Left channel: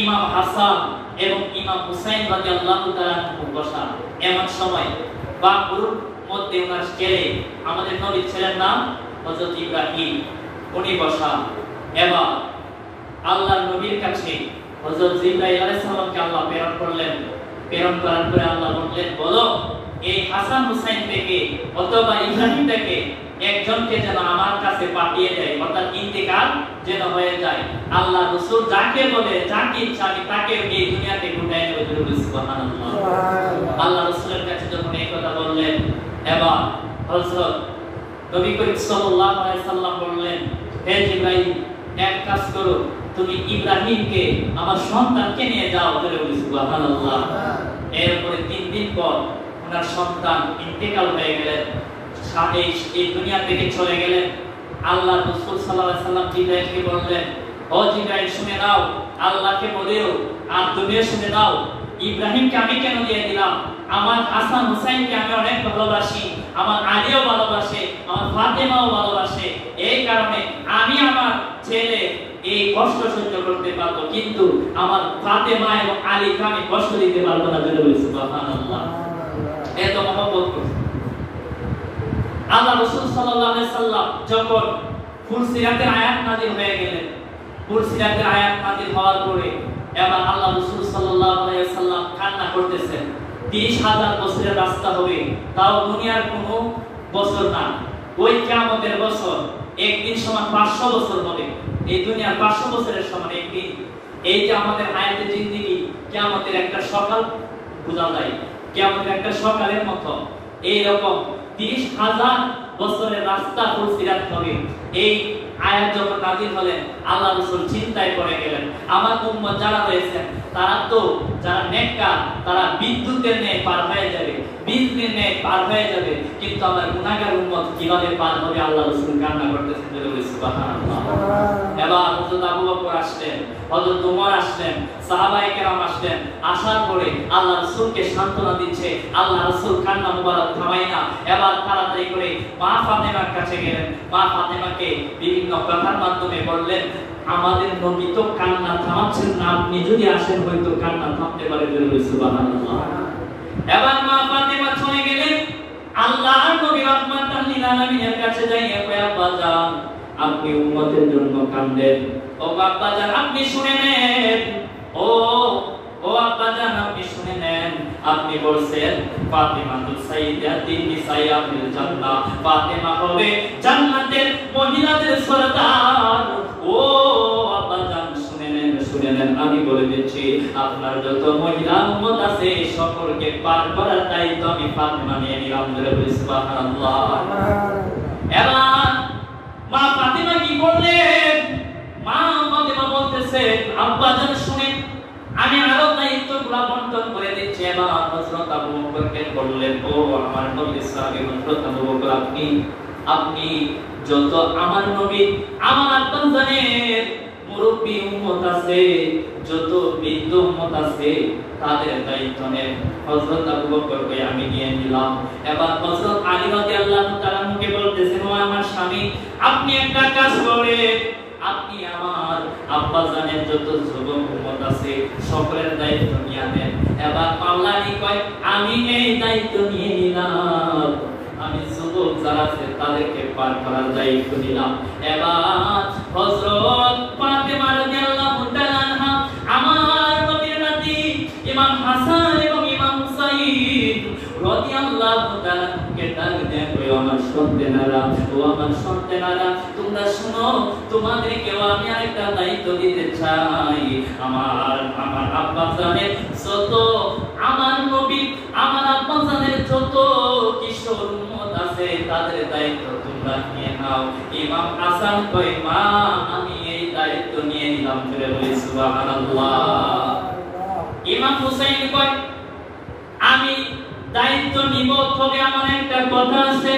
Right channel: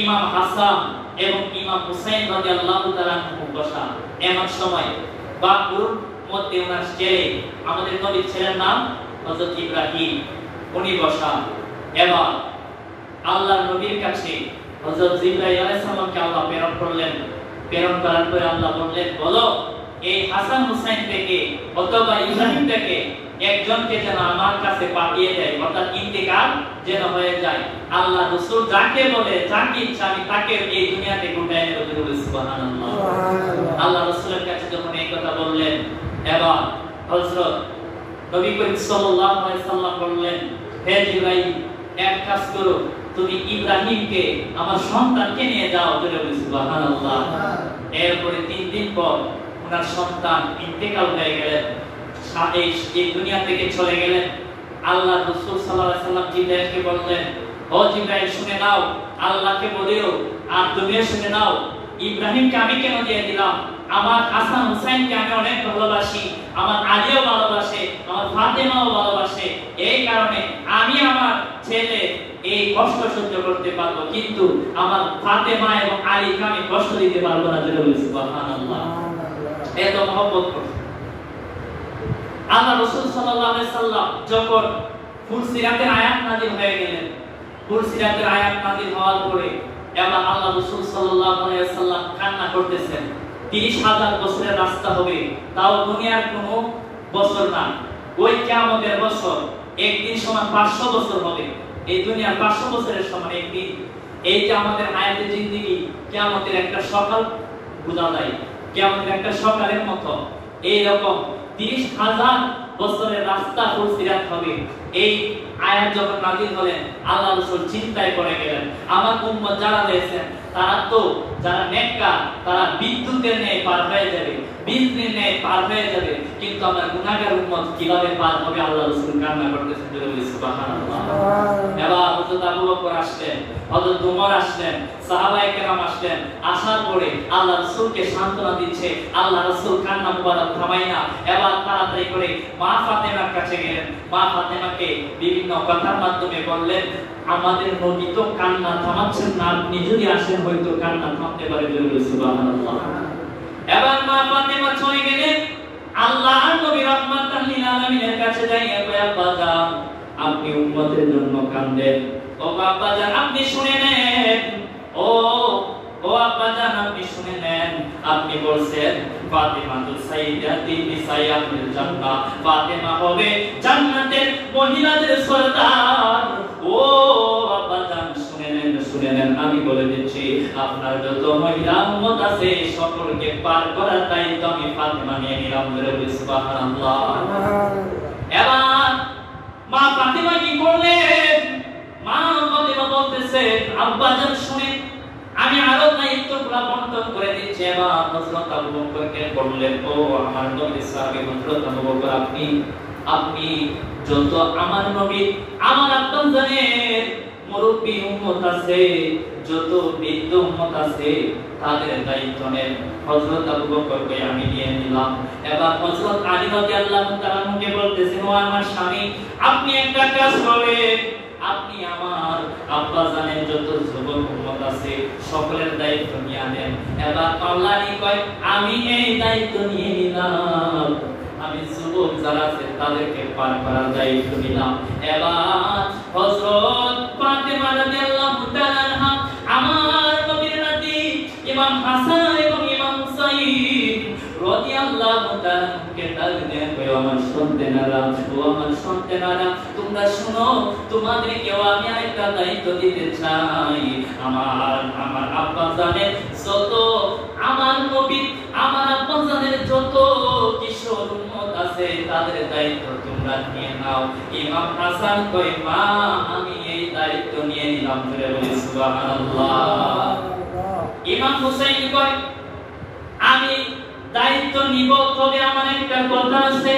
ইমাম হাসান এবং ইমাম হুসাইন রাদিয়াল্লাহু তাআলা আনহু বসা। এমন সময় বাকুর মধ্যে ওনার ছেলে, আমাদের নবীর ছেলের নাম হযরত ইব্রাহিম, উনি বসা। এবার আল্লাহর নবীর কাছে হযরত জিবরাইল আলাইহিস সালামকে আল্লাহ প্রেরণ করলেন। প্রেরণ করার পরে আল্লাহ বললেন, বলো এই হাসান হুসাইন থেকে অথবা ইব্রাহিম থেকে একজনকে যেন আমার কাছে পাঠিয়ে দেয়, অর্থাৎ ইন্তেকাল যেন হয়ে যায়। আল্লাহ রাসূল যাকে বলে, যাকে ইচ্ছা আমি তাকে এই দুনিয়াতে উঠায় নেব। সুবহানাল্লাহ। আল্লাহ রাসূলের কাছে যখন এই কথা বললেন, এবার হযরত নবী করিম সাল্লাল্লাহু আলাইহি সাল্লাম বললেন, হে জিবরাইল, এক কাজ করো, তুমি ইব্রাহিমকে আমার সন্তানকে নিয়ে যাও। সুবহানাল্লাহ। এরপরে 3 দিন পর ওনার সন্তান ইন্তেকাল হয়ে গেলেন, এই দুনিয়া থেকে চলে গেলেন। আল্লাহ রাসূল সাল্লাল্লাহু আলাইহি সাল্লাম জিবরাইলকে বললেন, ও জিবরাইল শুনে নাও, আল্লাহকে বলিও আর তুমিও শুনে নাও, ইব্রাহিমকে আমি কেন দিয়ে দিলাম? আমার হাসান হুসাইনকে আমি অনেক ভালোবাসি, আমার আলীও ভালোবাসে, আমার ফাতেমাও ভালোবাসে। এই কারণে আমি আমার ছেলে এই কষ্ট সহ্য করতে পারবো, কিন্তু আমার ফাতেমা এবং আলীকে আমি কষ্ট দিতে পারবো না। সুবহানাল্লাহ। এত মহব্বত করত আল্লাহ রাসূল সাল্লাল্লাহু আলাইহি সাল্লাম। যখন ফুলসিরাতের আয়াত নাযিল হয়ে গেলেন, ফুলসিরাতের আয়াত নাযিল হওয়ার পরে এবার আল্লাহ রাসূল সাল্লাল্লাহু আলাইহি সাল্লাম কান্না করতেছেন। 30,000 বছরের রাস্তা হবে, তাও দুনিয়ার কোনো বছর না, ওই কিয়ামতের বছর একদিন সমান 500 বছর হবে। এই দুনিয়ার 500 বছরের সমান একদিন। এই যে আমাদের আয়াতে জিন্দেগি, কিয়ামতের একটা সকাল বোঝা যায়, কিয়ামতের একটা সকালের মতো। এই রকম 30,000 বছরের রাস্তা ফুলসিরাত হবে। এই আয়াত যখন নাযিল হলেন, আল্লাহ রাসূল চিন্তায় পড়ে গেলেন, আমার উম্মত যারা হয়েছে তারা তো যারা নেককার, তারা বিদ্যুতের ন্যায় পার হয়ে যাবে, বিজলির ন্যায় পার হয়ে যাবে, কিন্তু আমার গুনাহগার উম্মত কিভাবে পার হবে? আল্লাহ রাসূল কান্না করতেছেন। সুবহানাল্লাহ। এবার হযরত আবু বকর আসলেন, হযরত ওমর আসলেন, সাহাবায়ে কেরাম আসলেন। আসার পরে আল্লাহ রাসূলকে সান্ত্বনা দিচ্ছে। আল্লাহ রাসূল কান্না মুবারক থামায় না। এবার তাড়াতাড়ি করে মা ফাতেমার কাছে গেলেন। মা ফাতেমাকে বিভিন্ন কথার মাধ্যমে বললেন, আমাদের নবী তো কান্না থামাচ্ছেন না, আপনি যদি আসেন হয়তো কান্না থামতে পারে। সুবহানাল্লাহ। এবার মা ফাতেমা চলে গেলেন। আল্লাহর নবী রাহমাতাল লিল আলামিনের কাছে যাইয়া কয়, আব্বাজান আপনি উম্মতের জন্য কাঁদেন। ও আব্বাজান আপনি শুনে নেন, ও আব্বাজান আপনি শুনে নেন। আপনি বলছেন ফাতিমাতুস সাইয়্যিদাতুন নিসাইয়াল জান্নাহ, ফাতিমা হবে জান্নাতের মহিলাদের সরদার। ও আব্বাজান শুনে নেন, শুনে নেন, আমি বলে দিচ্ছি, আপনার যত মহিলা উম্মত আছে সকলকে পার করার দায়িত্ব আমি ফাতিমা নিয়ে নিলাম। সুবহানাল্লাহ। এবার মা ফাতিমা কি করলেন? মা ফাতিমা বলতেছে, আব্বাজান শুনেন, আমি আরো দায়িত্বগুলো বন্টন করে দিচ্ছি। এবার হযরত আবু বকরকে বললেন, ও আমার নবীর সাহাবী হযরত আবু বকর, আপনি যত আমার নবী, আমার আব্বাজানের মুরব্বী উম্মত আছে, যত বৃদ্ধ উম্মত আছে, তাদের দায়িত্ব নেন। হযরত আবু বকরকে আমি নিয়ে নিলাম। এবার হযরত আলী রাদিয়াল্লাহু তাআলা কে বলতেছেন, ও আমার স্বামী, আপনি একটা কাজ করেন, আপনি আমার আব্বাজানের যত যুবক উম্মত আছে সকলের দায়িত্ব নিয়ে নেন। এবার আল্লাহই কয়, আমি এই দায়িত্ব নিয়ে নিলাম, আমি যুবক যারা আছে তাদেরকে পার করার দায়িত্ব নিলাম। এবার হযরত ফাতেমা রাদিয়াল্লাহু তাআলা আমার নবীর নাতি ইমাম হাসান এবং ইমাম হুসাইন রাদিয়াল্লাহু তাআলা কে ডাক দেন, ও আমার সন্তানেরা, ও আমার সন্তানেরা, তোমরা শুনো, তোমাদেরকে আমি আরেকটা দায়িত্ব দিতে চাই। আমার আব্বাজানের যত, আমার নবী আমার আব্বাজানের যত কিশোর উম্মত আছে তাদের দায়িত্ব তোমরা নিয়ে নাও। ইমাম হাসান কয়, মা আমি এই দায়িত্ব নিয়ে নিলাম। বলে সুবহানাল্লাহ। ইমাম হুসাইন কয়, আমি দায়িত্ব নিব, তবে আমার একটা কথা আছে,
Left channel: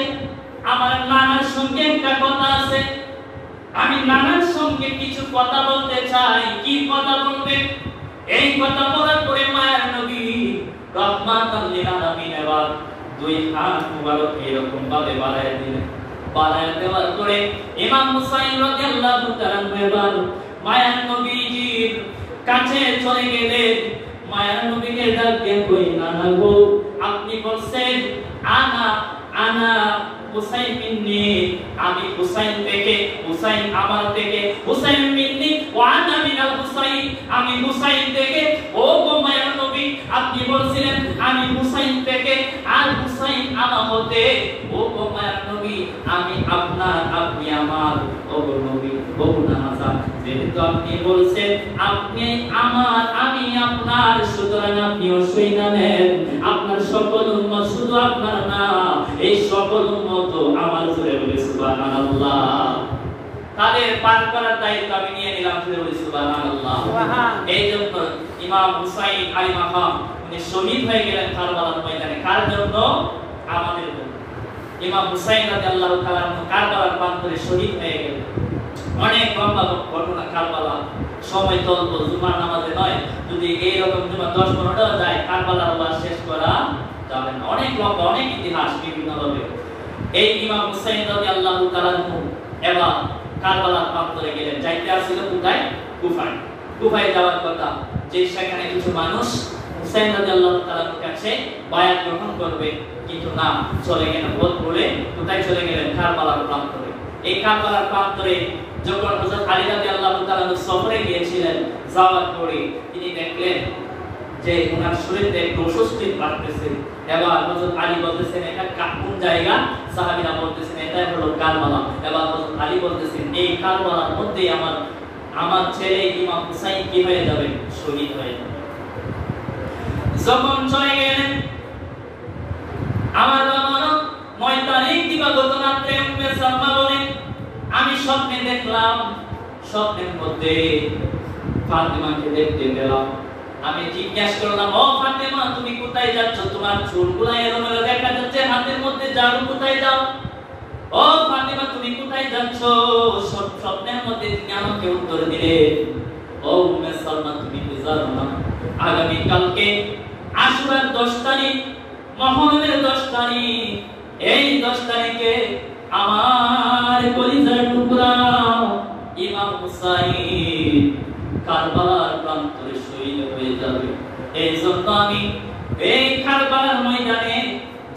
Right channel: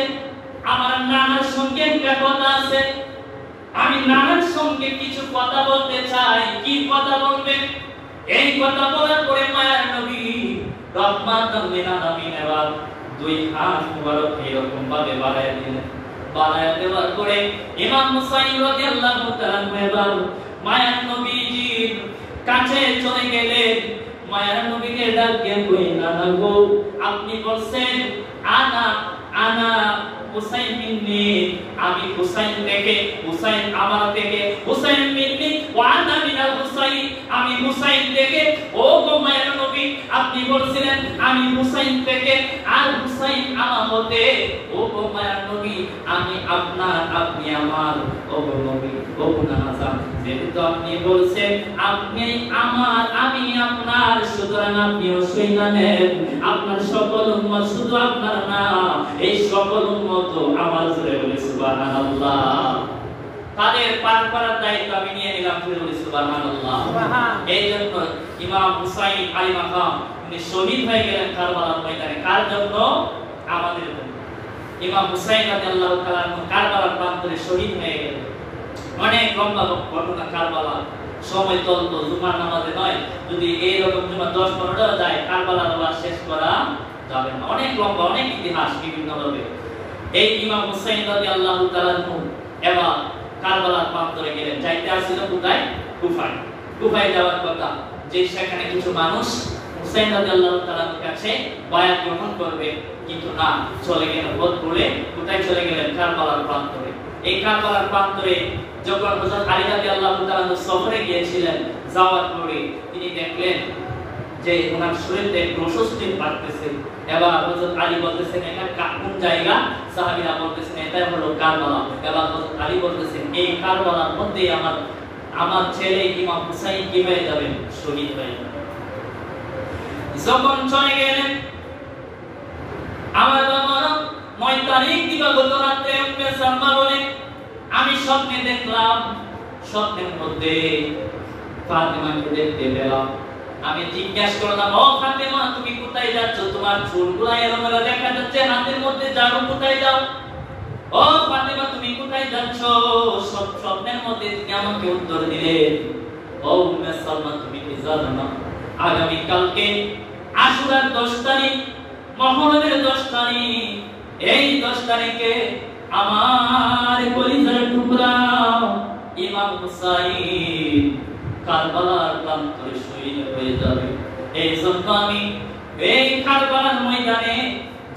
আমার নানার সঙ্গে একটা কথা আছে, আমি নানার সঙ্গে কিছু কথা বলতে চাই। কি কথা বলবেন? এই কথা বলার পরে মায়ের নবী রহমাতুল লিল আলামিনের দুই হাত মুবারক এরকম ভাবে বাড়ায় দিলেন। বাড়ায় দেওয়ার পরে ইমাম হুসাইন রাদিয়াল্লাহু তাআলা মায়ের নবীজির কাছে চলে গেলেন, মায়ের নবীকে ডাক দিয়ে কই, নানা গো, আপনি বলছেন আনা আনা হুসাইন মিন্নি, আমি হুসাইন থেকে, হুসাইন আমার থেকে, হুসাইন মিন্নি ওয়া আনা মিনাল হুসাইন, আমি হুসাইন থেকে। ও গো মায়ের নবী, আপনি বলছিলেন আমি হুসাইন থেকে আর হুসাইন আমার হতে। ও গো মায়ের নবী, আমি আপনার, আপনি আমার। ও গো নবী, ও নাজান, যেহেতু আপনি বলছেন আপনি আমার, আমি আপনার, সুতরাং আপনিও শুইনা নেন, আপনার সকল উম্মত শুধু আপনার না, এই সকল উম্মত আমার। জোরে বলি সুবহানাল্লাহ। তাদের পার করার দায়িত্ব আমি নিয়ে নিলাম। জোরে বলি সুবহানাল্লাহ। এই জন্য ইমাম হুসাইন আলী মাকাম উনি শহীদ হয়ে গেলেন কারবালার ময়দানে। কার জন্য? আমাদের জন্য। ইমাম হুসাইন রাদিয়াল্লাহু তাআলা আনহু কারবালার প্রান্তরে শহীদ হয়ে গেলেন। অনেক লম্বা ঘটনা কারবালা, সময় তলব জুমার নামাজে নয়, যদি এইরকম জুমা 10-15টা যায় কারবালা বলা শেষ করা যাবে না। অনেক লম্বা, অনেক ইতিহাস বিভিন্নভাবে। এই ইমাম হুসাইন রাদিয়াল্লাহু তাআলা আনহু এবার কারবালার প্রান্তরে গেলেন। যাইতে আসছিল কোথায়? কুফায়। কুফায় যাওয়ার কথা, যে সেখানে কিছু মানুষ হুসাইন রাদিয়াল্লাহু তাআলার কাছে বায়াত গ্রহণ করবে, কিন্তু না, চলে গেলেন পথ ভুলে। কোথায় চলে গেলেন? কারবালার প্রান্তরে। এই কারবালার প্রান্তরে যখন হযরত আলী রাদিয়াল্লাহু তাআলা সফরে গিয়েছিলেন, যাওয়ার পরে তিনি দেখলেন যে ওনার শরীরে একটু অস্বস্তি লাগতেছে। এবার হযরত আলী বলতেছেন এটা কোন জায়গা? সাহাবীরা বলতেছেন এটা হলো কারবালা। এবার হযরত আলী বলতেছেন এই কারবালার মধ্যে আমার ছেলে ইমাম হুসাইন কি হয়ে যাবে? শহীদ হয়ে যাবে। যখন চলে গেলেন, আমার বাবা 9 তারিখ দিবাগত রাতে উম্মে সালমা বলেন আমি স্বপ্নে দেখলাম, স্বপ্নের মধ্যে ফাতিমাকে দেখতে পেলাম। আমি জিজ্ঞাসা করলাম, ও ফাতিমা তুমি কোথায় যাচ্ছ? তোমার চুলগুলো এলোমেলো দেখা যাচ্ছে, হাতের মধ্যে ঝাড়ু, কোথায় যাও? ও ফাতিমা তুমি কোথায় যাচ্ছ? স্বপ্নের মধ্যে আমাকে উত্তর দিলে, ও উম্মে সালমা তুমি কি জানো না আগামী কালকে আশুরার 10 তারিখ, মুহররমের 10 তারিখ, এই 10 তারিখে আমার কলিজার টুকরা ইমাম হুসাইন কারবালার প্রান্তরে শহীদ হয়ে যাবে। এই জন্য আমি এই কারবালার ময়দানে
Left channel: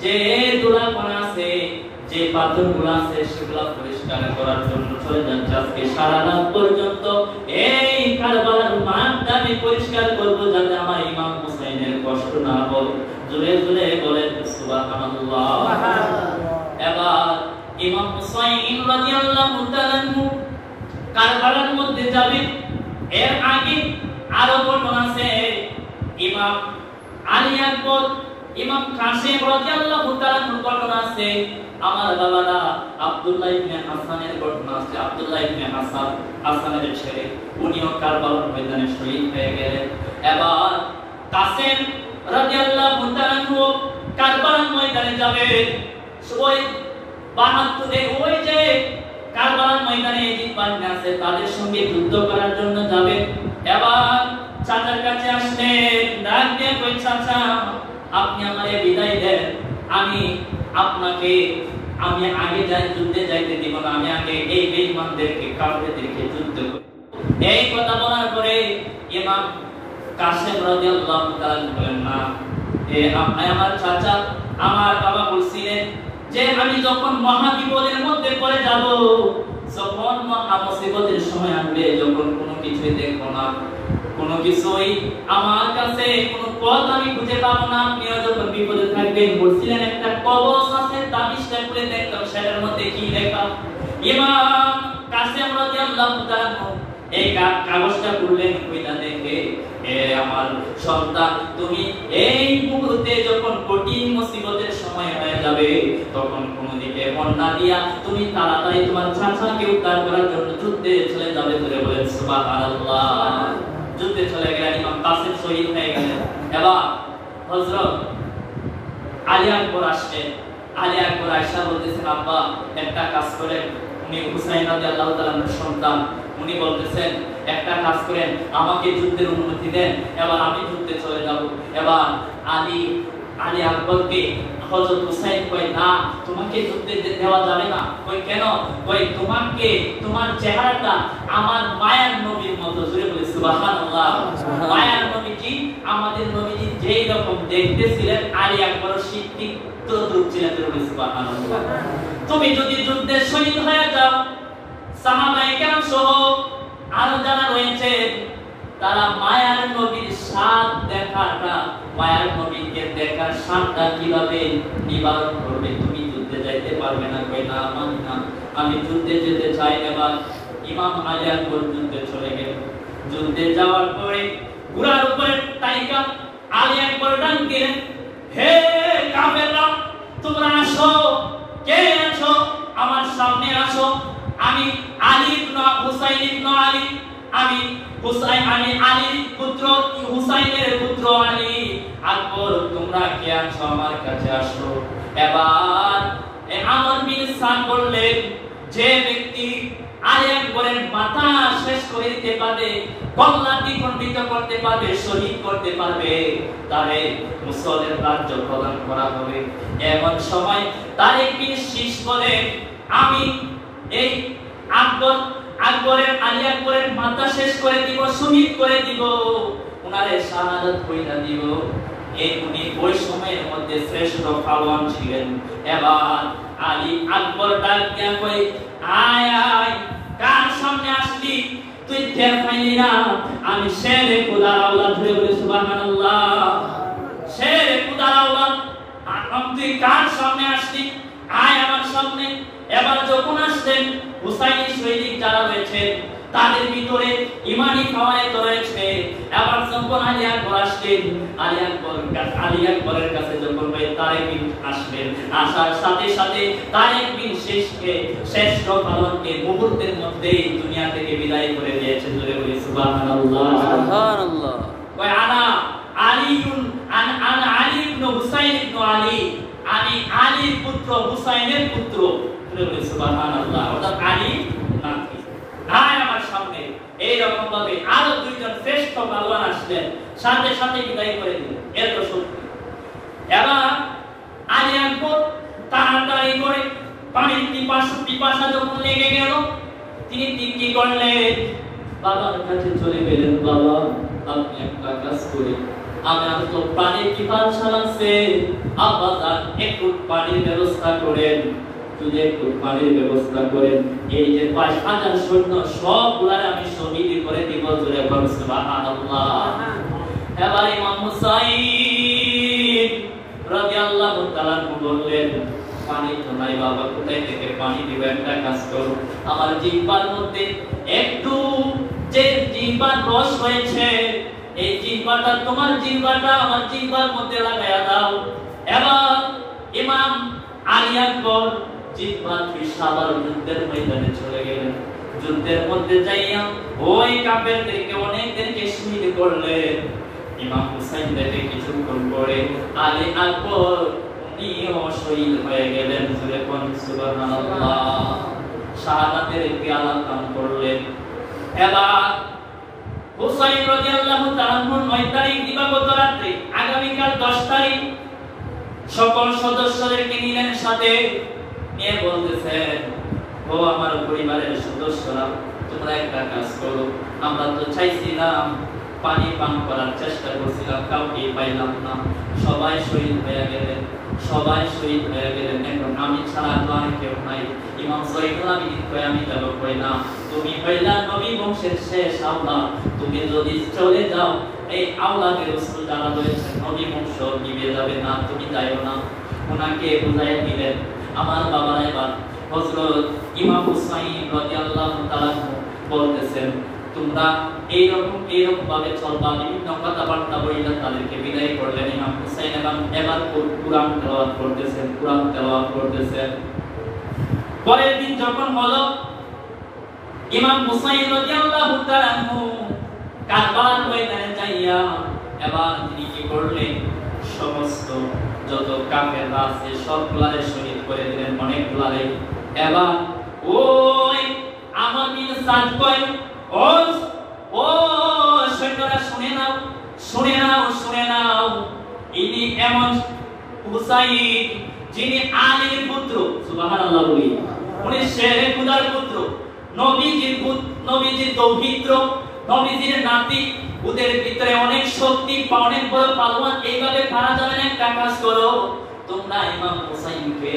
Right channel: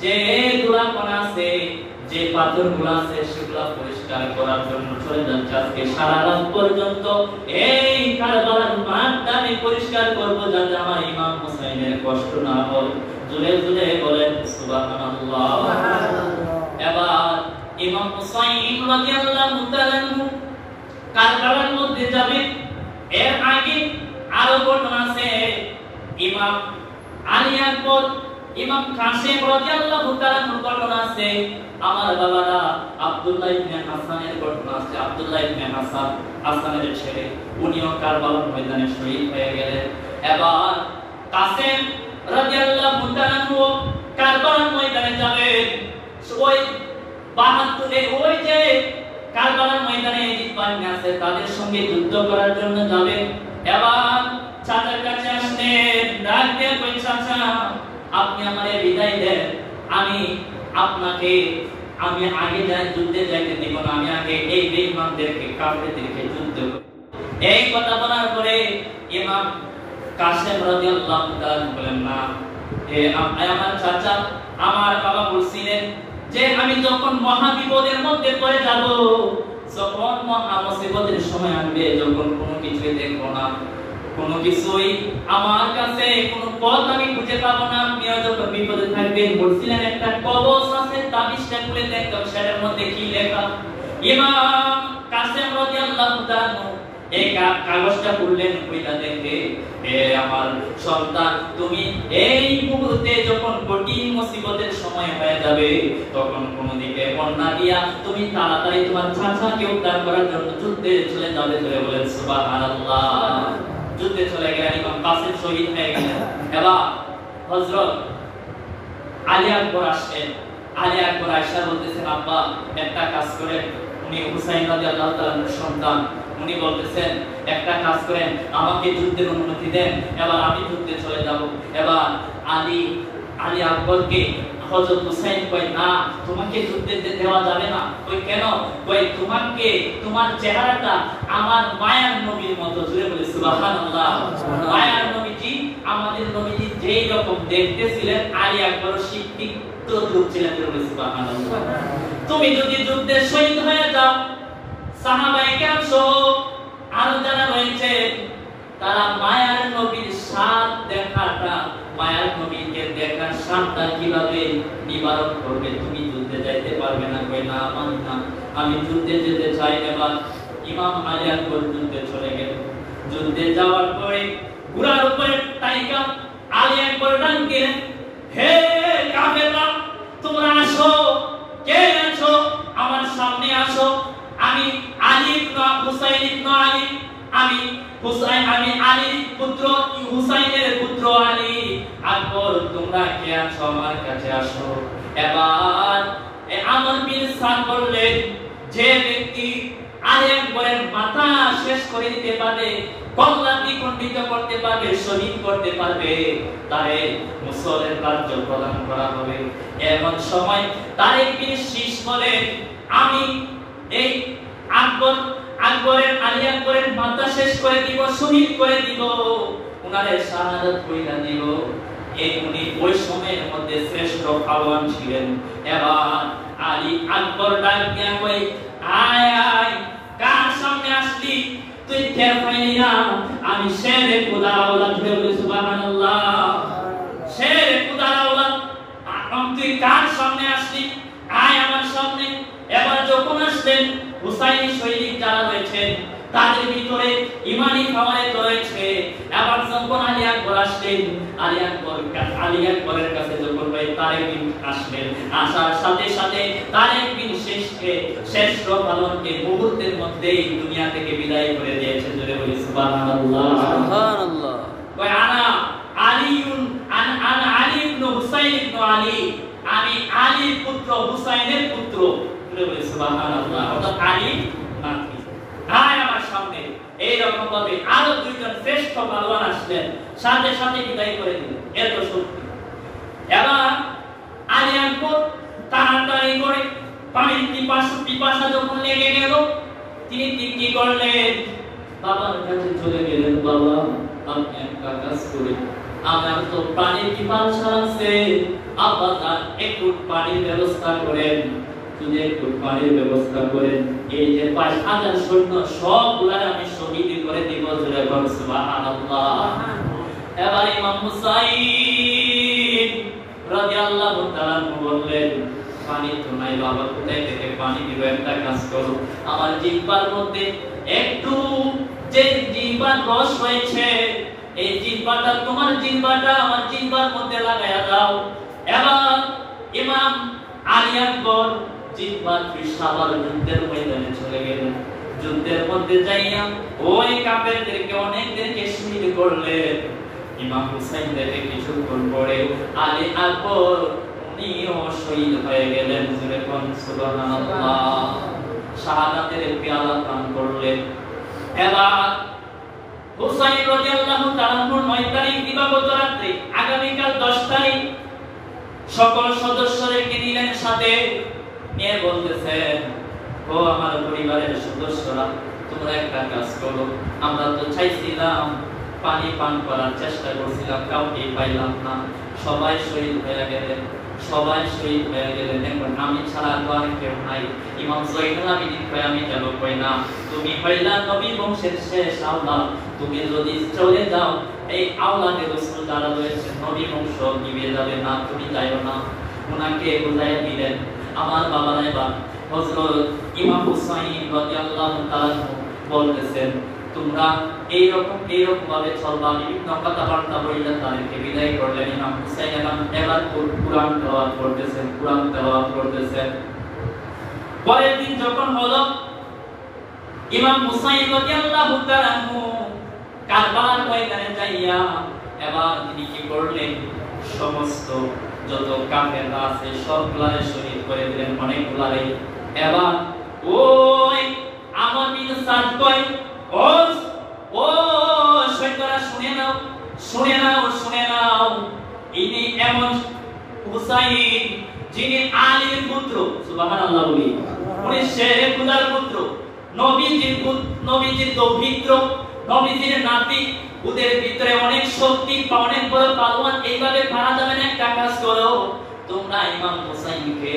যে দোলাপন আছে, যে পাথরগুলো আছে, সেগুলো পরিষ্কার করার জন্য চলে যাচ্ছি। আজকে সারা রাত পর্যন্ত এই কারবালার মাঠটা আমি পরিষ্কার করব, যাতে আমার ইমাম হুসাইনের কষ্ট না হয়। জোরে জোরে বলেন সুবহানাল্লাহ। এবার ইমাম হুসাইন রাদিয়াল্লাহু তাআলা কারবালার মধ্যে যাবে। এর আগে আরো ঘটনা আছে। ইমাম আলী আকবর, ইমাম কাসেম রাদিয়াল্লাহু তাআলা ঘটনা আছে। আমার বাবারা আব্দুল্লাহ ইবনে হাসানের ঘটনা আছে। আব্দুল্লাহ ইবনে হাসানের ছেলে, উনিও কারবালার ময়দানে শহীদ হয়ে গেলেন। এবার কাসেম রাদিয়াল্লাহু তাআলা কারবালার ময়দানে যাবে। ওই 72 ওই যে কারবালার ময়দানে জিত বাহিনী আছে, তাদের সঙ্গে যুদ্ধ করার জন্য যাবে। এবার চাচার কাছে আসলেন, ডাক দিয়ে কই, চাচা আপনি আমারে বিদায় দেন, আমি আপনাকে আগে যুদ্ধে যাইতে দিব না, আমি আগে এই বেঈমানদেরকে, কাফেরদেরকে যুদ্ধ করব। এই কথা বলার পরে ইমাম কাসেম রাদিয়াল্লাহু তাআলা বলেন, না আমার চাচা, আমার বাবা বলছিলেন যে আমি যখন মহা বিপদের মধ্যে পড়ে যাব, যখন মহা মুসিবতের সময় আসবে, যখন কোনো কিছুই দেখবো না, কোনো কিছুই আমার কাছে কোনো পথ আমি খুঁজে পাবো না, আপনিও যখন বিপদে থাকবেন, বলছিলেন একটা কবজ আছে, তাবিজটা খুলে দেখলাম সেটার মধ্যে কি লেখা। ইমাম কাসেম রাদিয়াল্লাহু তাআলা এই কাগজটা খুললেন, কইলা দেখে, হে আমার সন্তান, তুমি এই মুহূর্তে যখন কঠিন মুসিবতের সময় হয়ে যাবে, তখন কোন দিকে মন না দিয়া তুমি তাড়াতাড়ি তোমার চাচাকে উদ্ধার করার জন্য যুদ্ধে চলে যাবে। ধরে বলেন সুবহানাল্লাহ। যুদ্ধে চলে গেলেন, ইমাম কাসেম শহীদ হয়ে গেলেন। এবার হযরত আলী আকবর আসলেন। আলী আকবর আয়েশা বলতেছেন, আব্বা একটা কাজ করেন, উনি হুসাইন রাদিয়াল্লাহু তাআলার সন্তান, উনি বলতেছেন একটা কাজ করেন, আমাকে যুদ্ধের অনুমতি দেন, এবার আমি যুদ্ধে চলে যাব। এবার আলী আকবরকে হযরত হুসাইন কয়, না তোমাকে যুদ্ধে দেওয়া যাবে না। কই কেন? কই তোমাকে, তোমার চেহারাটা আমার মায়ার নবীর মতো। জোরে বলে সুবহানাল্লাহ। সুবহানাল্লাহ। মায়ার নবীজি, আমাদের নবীজি যেই রকম দেখতেছিলেন, আলী আকবর শিক্ষিত দূর ছিলেন। সুবহানাল্লাহ। তুমি যদি যুদ্ধে শহীদ হয়ে যাও, সাহাবায়ে কেরাম সহ আরো যারা রয়েছে, তারা মায়ার নবীর স্বাদ দেখাটা, মায়ার নবীকে দেখার স্বাদটা কিভাবে নিবারণ করবে? তুমি যুদ্ধে যাইতে পারবে না, কই না মানি না, আমি যুদ্ধে যেতে চাই। এবার ইমাম আলী আকবর যুদ্ধে চলে গেলেন। যুদ্ধে যাওয়ার পরে ঘোড়ার উপরে তাইকা আলী আকবর ডাক দিলেন, হে কাফেররা, তোমরা আসো, কে আছো আমার সামনে আসো। আমি আলী ইবনে হুসাইন ইবনে আলী, আমি আলীর পুত্র, হুসাইনের পুত্র আলী আকবর, তোমরা কে আছো আমার কাছে আসো। এবার আমর বিন সাদ বললেন, যে ব্যক্তি আলী আকবরের মাথা শেষ করে দিতে পারবে, কল্লা দ্বিখণ্ডিত করতে পারবে, শহীদ করতে পারবে, তারে মুসলমানের রাজ্য প্রদান করা হবে। এমন সময় তারেক বিন শীশ বলেন, আমি এই আকবরের আলী আকবরের মাথা শেষ করে দিব, শহীদ করে দিব, উনারে শাহাদাত কইরা দিব। উনি ওই সময়ের মধ্যে শ্রেষ্ঠ পালোয়ান ছিলেন। এবার আলী আকবর ডাক দিয়া কই, আয় আয়, কার সামনে আসলি তুই? টের পাইলি না আমি শেরে খোদার আওলাদ? বলে সুবহানাল্লাহ। শেরে খোদার আওলাদ, তুই কার সামনে আসলি? আয় আমার সামনে। এবার যখন আসলেন, হুসাইনি সৈনিক যারা রয়েছে তাদের ভিতরে ইমানি খাওয়ারে রয়েছে। এবার যখন আলী আকবর আসলেন, আলী আকবরের কাছে যখন তারেক বিন আসলেন, আসার সাথে সাথে তারেক বিন শেষকে, শ্রেষ্ঠ পালনকে মুহূর্তের মধ্যেই দুনিয়া থেকে বিদায় করে দিয়েছেন। জোরে বলি সুবহানাল্লাহ, সুবহানাল্লাহ। ওই আনা আলীউন আন আলী ইবনে হুসাইন ইবনে আলী, আমি আলীর পুত্র, হুসাইনের পুত্র। জোরে বলি সুবহানাল্লাহ। অর্থাৎ আলী নাকি আয় আমার সামনে। এইরকম ভাবে আরো দুইজন শ্রেষ্ঠ পালোয়ান আসলেন, সাথে সাথে বিদায় করে দিলেন। এত সত্যি। এবার আলী আকবর তাড়াতাড়ি করে পানির পিপাসা যখন লেগে গেল, তিনি কি করলেন? বাবার কাছে চলে গেলেন। বাবা, আপনি একটা কাজ করেন, আমার তো পানির পিপাসা লাগছে, আব্বা একটু পানির ব্যবস্থা করেন, যদি একটু পানির ব্যবস্থা করেন, এই যে 5000 সৈন্য সবগুলারে আমি শহীদ করে দিব। জোরে বলুন সুবহানাল্লাহ। এবার ইমাম হুসাইন রাদিয়াল্লাহু তাআলা বললেন, পানি তো নাই বাবা, কোথায় থেকে পানি দিব? একটা কাজ করো, আমার জিহ্বার মধ্যে একটু যে জিহ্বার রস হয়েছে, এই জিহ্বাটা, তোমার জিহ্বাটা আমার জিহ্বার মধ্যে লাগায়া দাও। এবার ইমাম আলী আকবর জিহ্বার ফিসাবার যুদ্ধের ময়দানে চলে গেলেন। যুদ্ধের মধ্যে যাইয়া ওই কাফেরদেরকে অনেকদেরকে শহীদ করলেন। ইমাম হুসাইন দেখে কিছুক্ষণ পরে আলী আকবর উনিও শহীদ হয়ে গেলেন। জোরে বলুন সুবহানাল্লাহ। শাহাদাতের পেয়ালা পান করলেন। এবার হুসাইন রাদিয়াল্লাহু তাআলা 9 তারিখ দিবাগত রাতে, আগামীকাল 10 তারিখ সকল সদস্যদেরকে নিলেন সাথে নিয়ে বলতেছেন, ও আমার পরিবারের সদস্যরা, তোমরা একটা কাজ করো, আমরা তো চাইছিলাম পানি পান করার চেষ্টা করছিলাম, কাউকে পাইলাম না, সবাই শহীদ হয়ে গেলেন, সবাই শহীদ হয়ে গেলেন। এখন আমি ছাড়া তো আর কেউ নাই। ইমাম জয়নুল আবেদিন কই, আমি যাব কই না, তুমি কইলা নবী বংশের শেষ আওলাদ, তুমি যদি চলে যাও এই আওলাদে রাসূল যারা রয়েছে নবী বংশ নিভে যাবে না, তুমি যাইও না। ওনাকে বুঝাইয়া দিলেন। আমার বাবা এবার হযরত ইমাম হুসাইন রাদিয়াল্লাহু তাআলা বলতেছেন, তোমরা এইরকম ভাবে চলবা। বিভিন্ন কথাবার্তা বইলা তাদেরকে বিদায় করলেন। ইমাম হুসাইন এবার কুরআন তেলাওয়াত করতেছেন। পরের দিন যখন হলো, ইমাম হুসাইন রাদিয়াল্লাহু তাআলা কারবালার ময়দানে যাইয়া এবার তিনি কি করলেন? সমস্ত যত কাফেররা আছে সবগুলারে শহীদ করে দিলেন, অনেকগুলারে। এবার ওই আমার বিন সাদ কয়, ও সৈন্যরা শুনে নাও, ইনি এমন হুসাইন যিনি আলীর পুত্র। সুবহানাল্লাহ বলি। উনি শেরে খুদার পুত্র, নবীজির দৌহিত্র, নবীজির নাতি, ওদের ভিতরে অনেক শক্তি, অনেক বড় পালোয়ান, এইভাবে পারা যাবে না। একটা কাজ করো, তোমরা ইমাম হুসাইনকে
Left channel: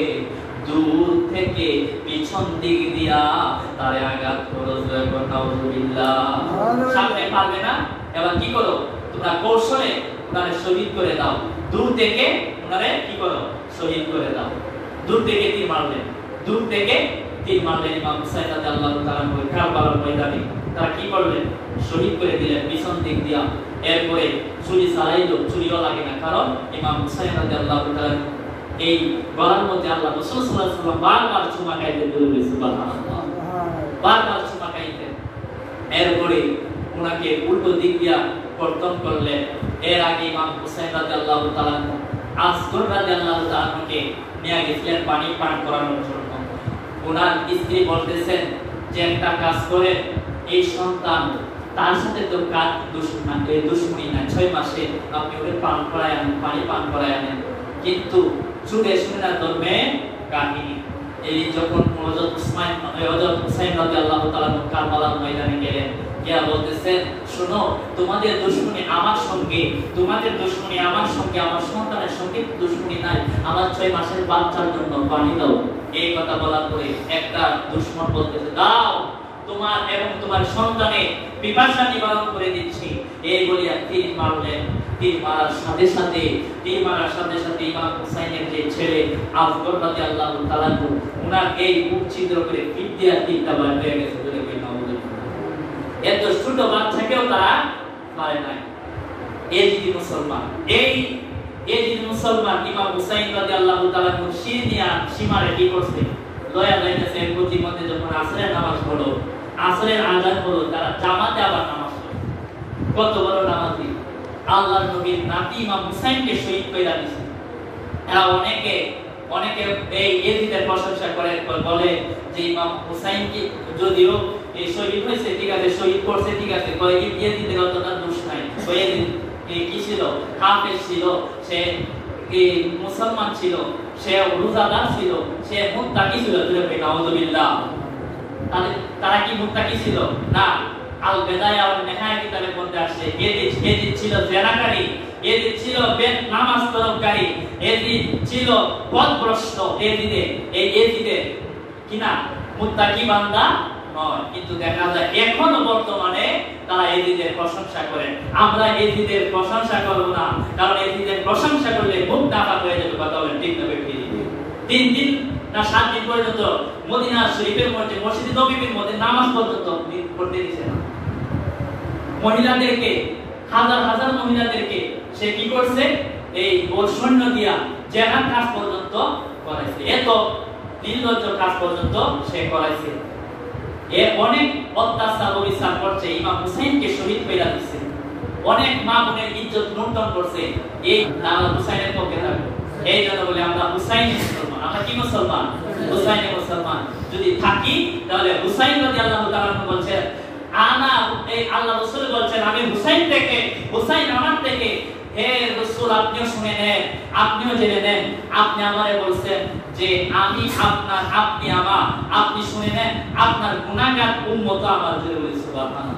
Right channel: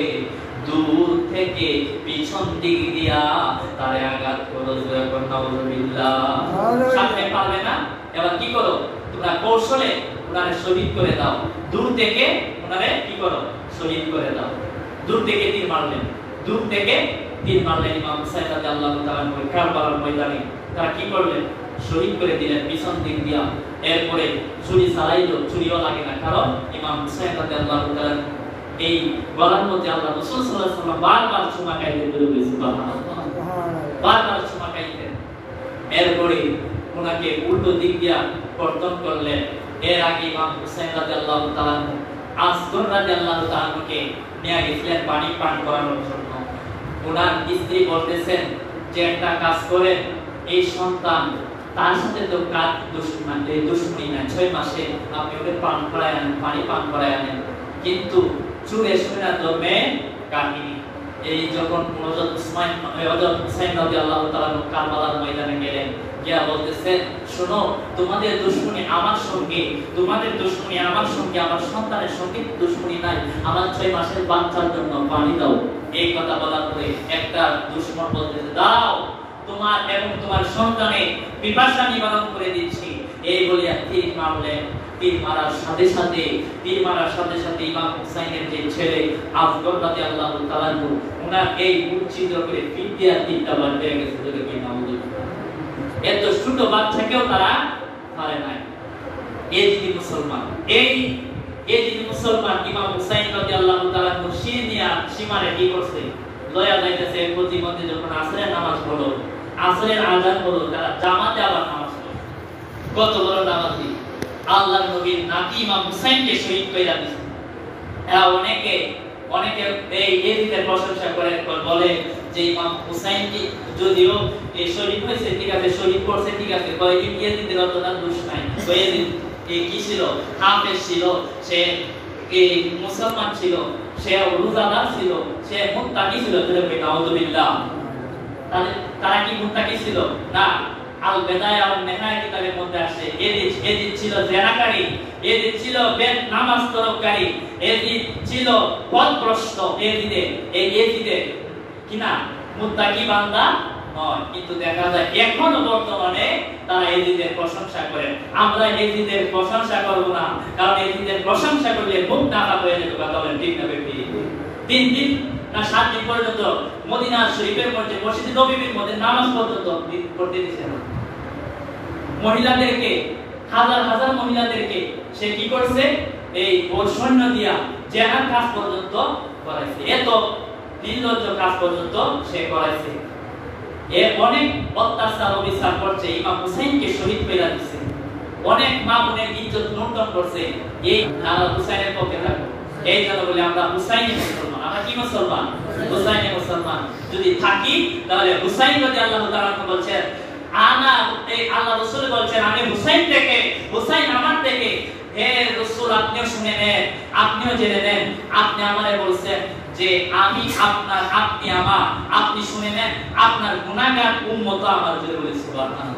দূর থেকে পিছন দিক দিয়া তারে আঘাত করো, সামনে পারবে না। এবার কি করো, তোমরা কৌশলে ওনারে শহীদ করে দাও, দূর থেকে ওনারে কি করো, শহীদ করে দাও। দূর থেকে তীর মারলেন, দূর থেকে তীর মারলেন ইমাম হুসাইন রাদিয়াল্লাহু তাআলা কারবালার ময়দানে। তারা কি করলেন, শহীদ করে দিলেন পিছন দিক দিয়া। এরপরে ছুরি চালাইলো, চুরিও লাগে না, কারণ ইমাম হুসাইন রাদিয়াল্লাহু তাআলা এই গলার মধ্যে আল্লাহ রাসূল সাল্লাল্লাহু আলাইহি ওয়াসাল্লাম বারবার চুমা খাইতে বলে, সুবহানাল্লাহ, বারবার চুমা খাইতেন। এরপরে ওনাকে উল্টো দিক দিয়া কর্তন করলেন। এর আগে ইমাম হুসাইন রাদিয়াল্লাহু তাআলা আসগর রাদিয়াল্লাহু তাআলাকে নিয়ে গেছিলেন পানি পান করানোর জন্য। ওনার স্ত্রী বলতেছেন যে একটা কাজ করেন, এই সন্তান তার সাথে তো কাজ দুশ্মনী না, 6 মাসে আপনি ওকে পান করায় আনেন, পানি পান করায় আনেন। কিন্তু চুরে শুনে ধর্মে কাহিনী এই যখন হযরত হুসাইন রাদিয়াল্লাহু তাআলা কারবালার ময়দানে গেলেন, গিয়া বলতেছেন, শোনো, তোমাদের দুশমনী আমার সঙ্গে, তোমাদের দুশমনী আমার সঙ্গে, আমার সন্তানের সঙ্গে দুশমনী নাই, আমার 6 মাসের বাচ্চার জন্য পানি দাও। এই কথা বলার পরে একটা দুশমন বলতেছে, দাও, তোমার এবং তোমার সন্তানের পিপাসা নিবারণ করে দিচ্ছি। এই বলিয়া তীর মারলেন। তীর মারার সাথে সাথে ইমাম হুসাইনের যে ছেলে আসগর রাদিয়াল্লাহু তাআলা ওনার এই মুখ ছিদ্র করে পিঠ দিয়া তীরটা বার হয়ে গেছে। যদি কেউ মামুলি এত ছোট বাচ্চাকেও তারা মারে নাই। এই যে মুসলমান, এই যে মুসলমান ইমাম হুসাইন রাদিয়াল্লাহু তাআলা সীমারে কি করছে, লয়া যাইতেছে। প্রতিমধ্যে যখন আসরের নামাজ পড়ো, আসরের আযান হলো, তারা জামাতে আবার নামাজ পড়ে। কত বড় নামাজি, আল্লাহর নবীর নাতি ইমাম হুসাইনকে শহীদ কইরা দিয়েছে। অনেকে এই ইয়াজিদের প্রশংসা করে, বলে যে ইমাম হুসাইন কি যদিও এই শহীদ হয়েছে, ঠিক আছে, শহীদ করছে, ঠিক আছে, কয় ইয়াজিদের অতটা দোষ নাই। ইয়াজিদ কি ছিল, কাফের ছিল, সে এই মুসলমান ছিল, সে রোজাদার ছিল, সে মুত্তাকি ছিল। নাউযুবিল্লাহ, তারা কি মুত্তাকি ছিল না? আল বেদায়া ওয়ান নিহায়া কিতাবের মধ্যে আসে ইয়াজিদ ছিল জেনাকারী, ইয়াজিদ ছিল নামাজ তরফকারী, ইয়াজিদ ছিল পথভ্রষ্ট। ইয়াজিদে কিনা মুত্তাকি বান্দা নয়। কিন্তু দেখা যায় এখনো বর্তমানে তারা ইয়াজিদের প্রশংসা করেন। আমরা ইয়াজিদের প্রশংসা করব না, কারণ ইয়াজিদের প্রশংসা করলে মুখ ঢাকা হয়ে যেতে কথা বলেন, ঠিক না বেটি? 3 দিন না 7 দিন পর্যন্ত মদিনা শরীফের মধ্যে, মসজিদ নববীর মধ্যে নামাজ পর্যন্ত পড়তে দিয়েছে না। মহিলাদেরকে, হাজার হাজার মহিলাদেরকে সে কি করছে, এই ওর সৈন্য দিয়া জেনার কাজ পর্যন্ত করাইছে। এত নির্লজ্জ কাজ পর্যন্ত সে করাইছে। এ অনেক অত্যাচার অবিচার করছে, ইমাম হুসাইনকে শহীদ কইরা দিয়েছে। অনেক মা বোনের ইজ্জত লুণ্ঠন করছে। এই হুসাইনের পক্ষে থাকবে। এই জন্য বলে আমরা হুসাইনি মুসলমান। আমরা কি মুসলমান? হুসাইনি মুসলমান। যদি থাকি তাহলে হুসাইন রাদিয়াল্লাহু তাআলা বলছেন, আল্লাহ রাসূল বলছেন, আমি হুসাইন থেকে, হুসাইন আমার থেকে। হে রাসূল, আপনিও শুনে নেন, আপনিও জেনে নেন। আপনি আমারে বলছেন যে আমি আপনার, আপনি আমার, আপনি শুনে নেন, আপনার গুনাহগার উম্মত আমার জন্য বলি সুবহানাল্লাহ।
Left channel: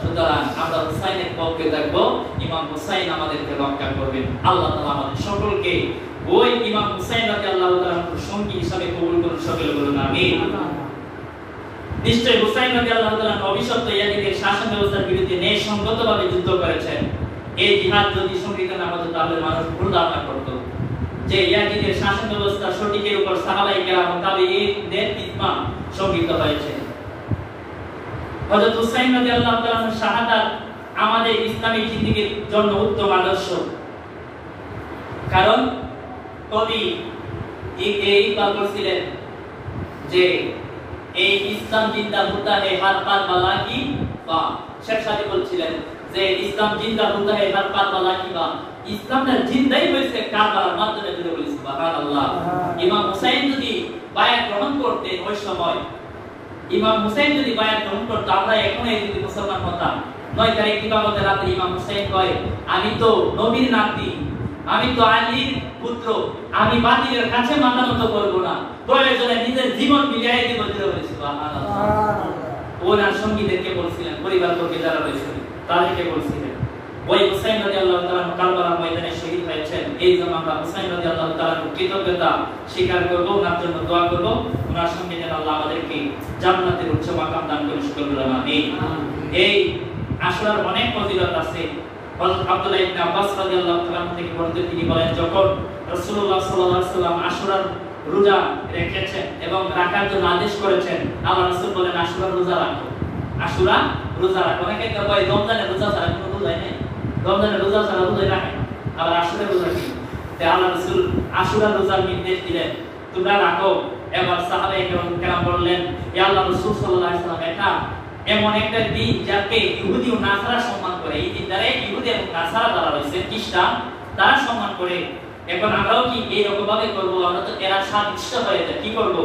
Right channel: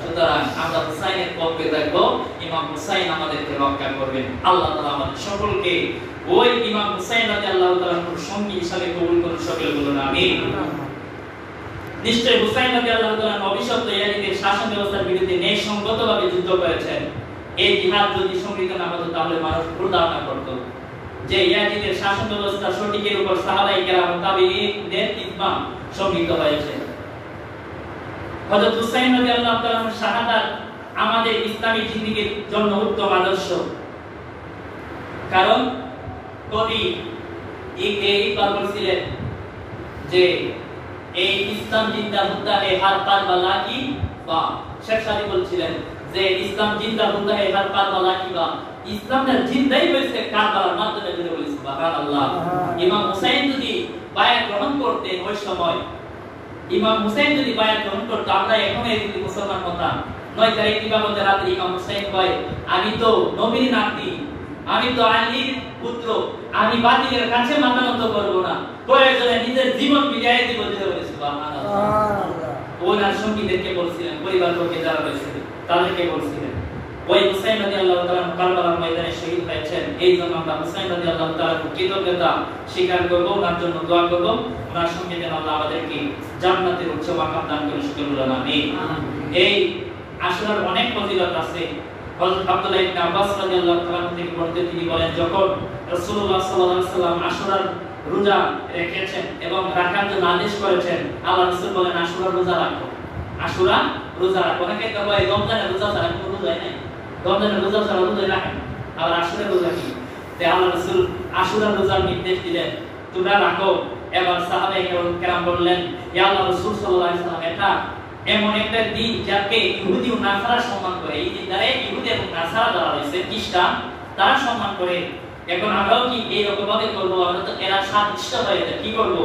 সুতরাং আমরা হুসাইনের পক্ষে থাকবো। ইমাম হুসাইন আমাদেরকে রক্ষা করবেন। আল্লাহ তাআলা আমাদের সকলকে ওই ইমাম হুসাইন রাদিয়াল্লাহু তাআলার সঙ্গী হিসাবে কবুল করুন। সকলে বলুন আমিন। নিশ্চয় হুসাইন রাদিয়াল্লাহু তাআলা অভিশপ্ত ইয়াজিদের শাসন ব্যবস্থার বিরুদ্ধে ন্যায়সঙ্গতভাবে যুদ্ধ করেছেন। এই জিহাদ যদি সংগঠিত না হতো তাহলে মানুষ ভুল ধারণা করত যে ইয়াজিদের শাসন ব্যবস্থা সঠিকের উপর সাহাবায়ে কেরাম ও তাবেঈনদের ইজমা সংগঠিত হয়েছে। হযরত হুসাইন রাদিয়াল্লাহু তাআলার শাহাদাত আমাদের ইসলামী জিন্দেগীর জন্য উত্তম আদর্শ। কারণ কবি এই বলছিলেন যে এই ইসলাম জিন্দা হোতা হে হর কারবালা কি বা, শেখ সাদি বলছিলেন যে ইসলাম জিন্দা হোতা হে হর কারবালা কি বা, ইসলামটা জিন্দাই হয়েছে কারবালার মাধ্যমে। যদি বলি সুবহানাল্লাহ। ইমাম হুসাইন যদি বায়াত গ্রহণ করতেন ওই সময়, ইমাম হুসাইন যদি বায়াত গ্রহণ করত, আমরা এখন এই যদি মুসলমান হতাম। 9 তারিখ দিবাগত রাতে ইমাম হুসাইন কয়, আমি তো নবীর নাতি, আমি তো আলীর পুত্র, আমি বাতিলের কাছে মাথা নত করব না, প্রয়োজনে নিজের জীবন বিলিয়ে দিব। দিতে বলি সুবহানাল্লাহ। ওনার সঙ্গীদেরকে বলছিলেন, পরিবারবর্গে যারা রয়েছেন তাদেরকে বলছিলেন, ওই হুসাইন রাদিয়াল্লাহু তাআলা কারবালার ময়দানে শহীদ হয়েছেন, এই জন্য আমরা হুসাইন রাদিয়াল্লাহু তাআলার কৃতজ্ঞতা স্বীকার করব, ওনার জন্য দোয়া করব, ওনার সঙ্গে যেন আল্লাহ আমাদেরকে জান্নাতের উচ্চ মাকাম দান করে শুকর বলেন আমিন। এই আশুরার অনেক ফজিলত আছে। হযরত আব্দুল্লাহ ইবনে আব্বাস রাদিয়াল্লাহু তাআলা থেকে বর্ণিত, তিনি বলেন, যখন রাসূলুল্লাহ সাল্লাল্লাহু আলাইহি ওয়াসাল্লাম আশুরার রোজা রেখেছেন এবং রাখার জন্য আদেশ করেছেন, আল্লাহ রাসূল বলেন আশুরার রোজা রাখো, আশুরা রোজা রাখো। অনেকে তো ভাই রমজানের রোজা ছাড়া কোনো রোজাই নেই, রমজানের রোজা ছাড়া রোজাই রাখেন, আবার আশুরার রোজা কি? তাই আল্লাহ রাসূল আশুরার রোজার নির্দেশ দিলেন, তোমরা রাখো। এবার সাহাবায়ে কেরাম বললেন, ইয়া আল্লাহ রাসূল সাল্লাল্লাহু আলাইহি ওয়াসাল্লাম, এটা এমন একটা দিন যাকে ইহুদি ও নাসারা সম্মান করে, এই দিনটারে ইহুদি এবং নাসারা যারা রয়েছে খ্রিস্টান তারা সম্মান করে, এখন আমরাও কি এই রকম ভাবে করব? আমরা তো এরা সাদৃশ্য হয়ে যায়, কি করব?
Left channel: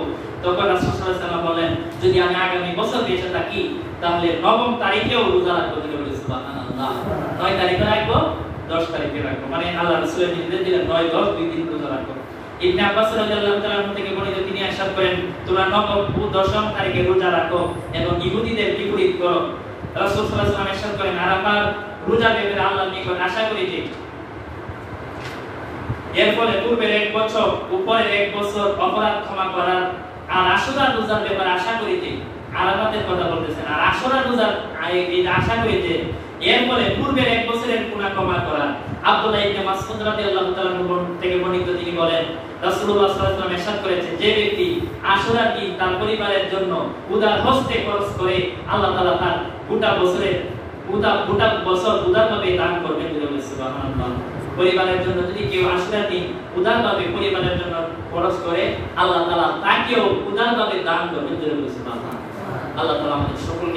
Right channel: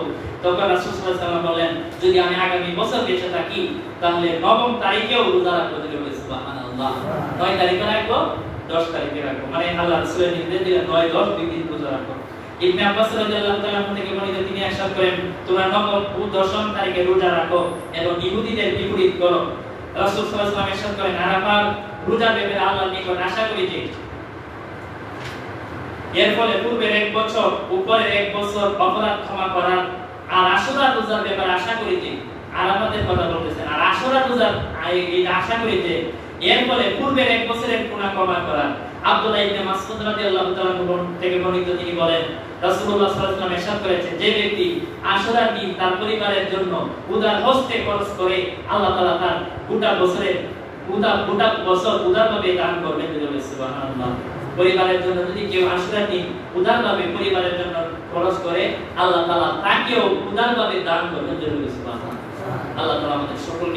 তখন রাসূল সাল্লাল্লাহু আলাইহি ওয়াসাল্লাম বলেন, যদি আমি আগামী বছর বেঁচে থাকি তাহলে 9 তারিখেও রোজা রাখবো। সুবহানাল্লাহ, 9 তারিখে রাখবো, 10 তারিখে রাখবো, মানে আল্লাহ রাসূলের নির্দেশ দিলেন 9, 10 দুই দিন রোজা রাখবো। ইবনে আব্বাস রাদিয়াল্লাহু তাআলা থেকে বর্ণিত, তিনি ইরশাদ করেন, তোমরা 9 ও 10 তারিখে রোজা রাখো এবং ইহুদিদের বিপরীত করো। রাসূল সাল্লাল্লাহু আলাইহি ওয়াসাল্লাম ইরশাদ করেন, আরাফার রোজা ব্যাপারে আল্লাহর নিকট আশা করি যে এর ফলে পূর্বের 1 বছর উপরের 1 বছর অপরাধ ক্ষমা করার, আর আশুরার রোজার ব্যাপারে আশা করি যে, আরাফাতের কথা বলতেছেন, আর আশুরার রোজার এই আশা করি যে এর ফলে পূর্বের 1 বছরের গুনাহ ক্ষমা করার। আব্দুল্লাহ ইবনে মাসউদ রাদিয়াল্লাহু তাআলা থেকে বর্ণিত, তিনি বলেন, রাসূলুল্লাহ সাল্লাল্লাহু আলাইহি ওয়াসাল্লাম ইরশাদ করেছেন, যে ব্যক্তি আশুরার দিন তার পরিবারের জন্য উদার হস্তে খরচ করে, আল্লাহ তাআলা তার গোটা বছর উদারভাবে দান করবেন। সুবহানাল্লাহ, পরিবারের জন্য যদি কেউ আশুরার দিন উদারভাবে পরিবারের জন্য খরচ করে, আল্লাহ তাআলা তাকেও উদারভাবে দান করবেন। সুবহানাল্লাহ, আল্লাহ তাআলা আমাদের সকলকে